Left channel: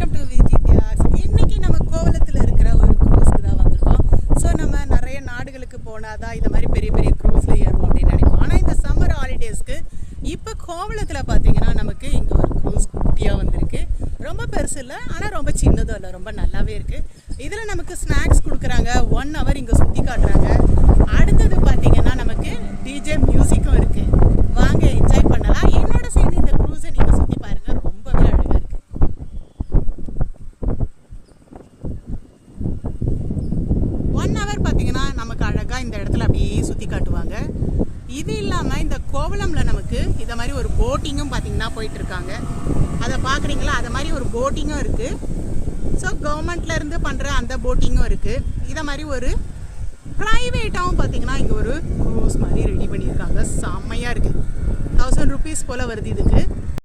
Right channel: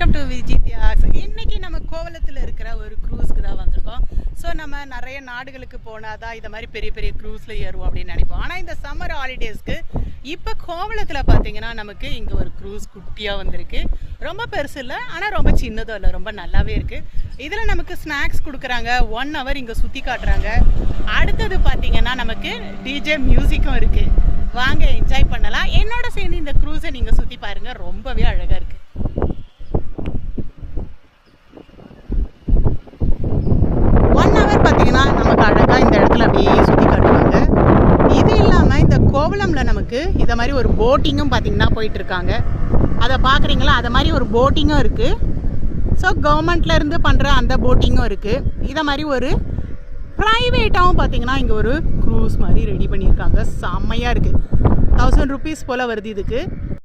Welcome to விஜித்யாஸ். இன்னைக்கு நம்ம கோவளத்தில் இருக்கிற ஒரு க்ரூஸ்க்கு தான் வந்திருக்கோம். ஸோ நம்ம நிறைய நாடுகளுக்கு போனால் தான் இதை மாதிரி பெரிய பெரிய க்ரூஸில் ஏறுவோம் அப்படின்னு நினைப்போம். ஆனால் இந்த சம்மர் ஹாலிடேஸ்க்கு இப்போ கோவளத்தில் பார்த்தீங்கன்னா நமக்கு இங்கே ஒரு க்ரூஸ் குட்டியாக வந்திருக்கு. ரொம்ப பெருசு இல்லை, ஆனால் ரொம்ப சின்னதும் இல்லை, ரொம்ப நல்லாவே இருக்குது. இதில் நமக்கு ஸ்நாக்ஸ் கொடுக்குறாங்க, 1 hour இங்கே சுற்றி காட்டுறாங்க. அடுத்தது பார்த்தீங்கன்னா நமக்கு டிஜே மியூசிக்கும் இருக்குது. வாங்க என்ஜாய் பண்ணலாம். என்னோட சேர்ந்து இந்த க்ரூஸை நீங்கள் சுற்றி பாருங்கள், ரொம்பவே அழகாக இருக்குது. 1 hour பார்த்தீங்கன்னா நமக்கு அழகாக இந்த இடத்துல அப்படியே சுற்றி காட்டுவாங்க. இது இல்லாமல் இந்த கோவளம்ல நமக்கு இதை மாதிரி ஒரு போட்டிங்கும் பார்த்தீங்கன்னா போயிட்டு இருக்காங்க. அதை பார்க்குறீங்களா? அதை மாதிரி ஒரு போட்டிங்கும் இருக்குது. ஸோ கவர்மெண்ட்லேருந்து பண்ணுற அந்த போட்டிங்கும் இருக்குது. இதை மாதிரி ஒரு ப்ரைவேட்டாகவும் பார்த்தீங்கன்னா இங்கே ஒரு க்ரூஸ் மாதிரி ரெடி பண்ணியிருக்காங்க. செம்மையாக இருக்குது. 1000 rupees போல் வருது இதுக்கு.